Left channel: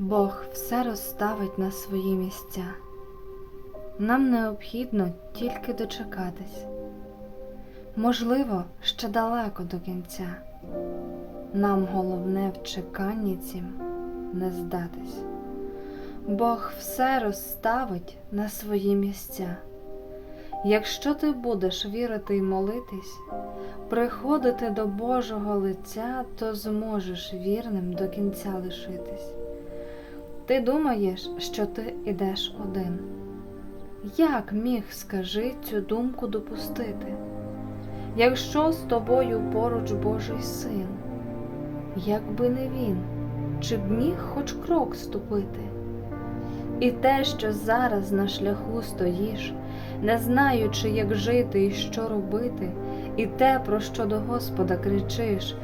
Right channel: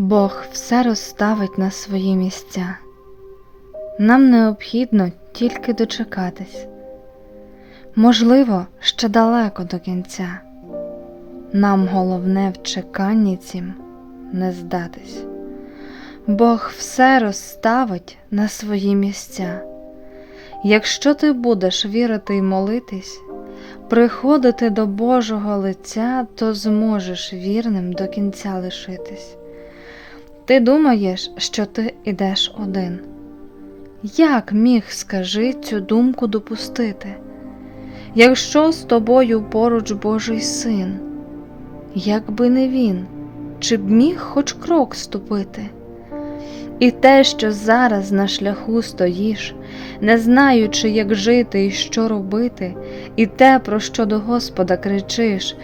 Бог все розставить на свої місця. Нам необхідно тільки дочекатись. Можливо, ще далеко до кінця. Нам головне в чеканні цім не здатись. Бог все розставить на свої місця. Якщо ти будеш вірити й молитись, приходити до Божого лиця, то зможеш вірним до кінця лишитись. Ти думаєш, що ти ідеш один. Як міг, скажи, цю думку допустити? Якщо з тобою поруч Божий син, якби не він, чи б міг хоч крок ступити? І те, що зараз на шляху стоїш, не знаючи, як жити і що робити, і те, про що до Господа кричиш,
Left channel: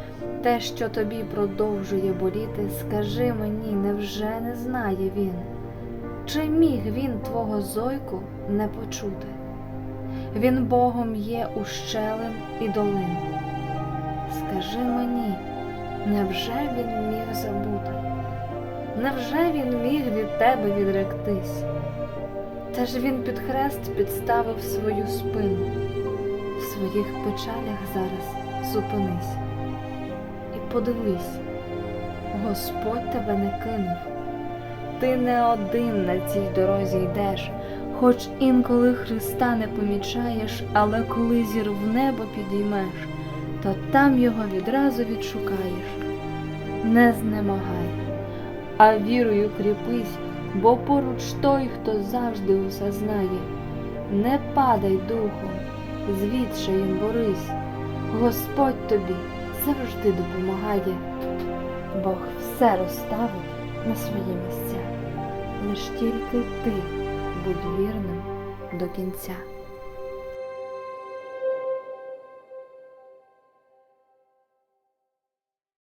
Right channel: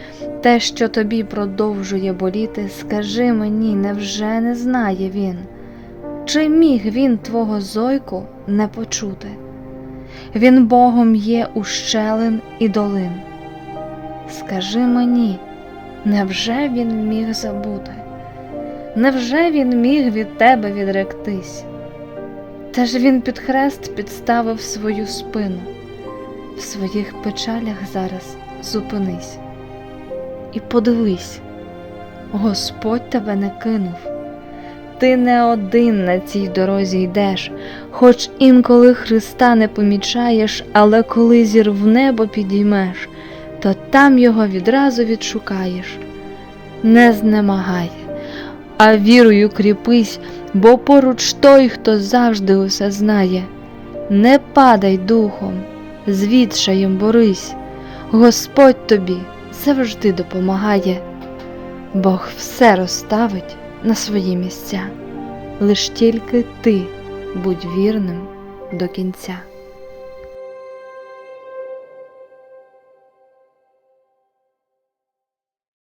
те, що тобі продовжує боліти, скажи мені, невже не знає він? Чи міг він твого зойку не почути? Він Богом є ущелин і долин. Скажи мені, невже він міг забути? Невже він міг від тебе відректись? Та ж він під хрест підставив свою спину, в своїх печалях зараз зупинись. І подивись, Господь тебе не кинув. Ти не один на цій дорозі йдеш, хоч інколи Христа не помічаєш, але коли зір в небо підіймеш, то там його відразу відшукаєш. Не знемагай, а вірою кріпись, бо поруч той, хто завжди усе знає. Не падай духом, з відчаєм борись, Господь тобі завжди допомагає. Бог все розставить на свої місця, лиш тільки ти будь вірним до кінця.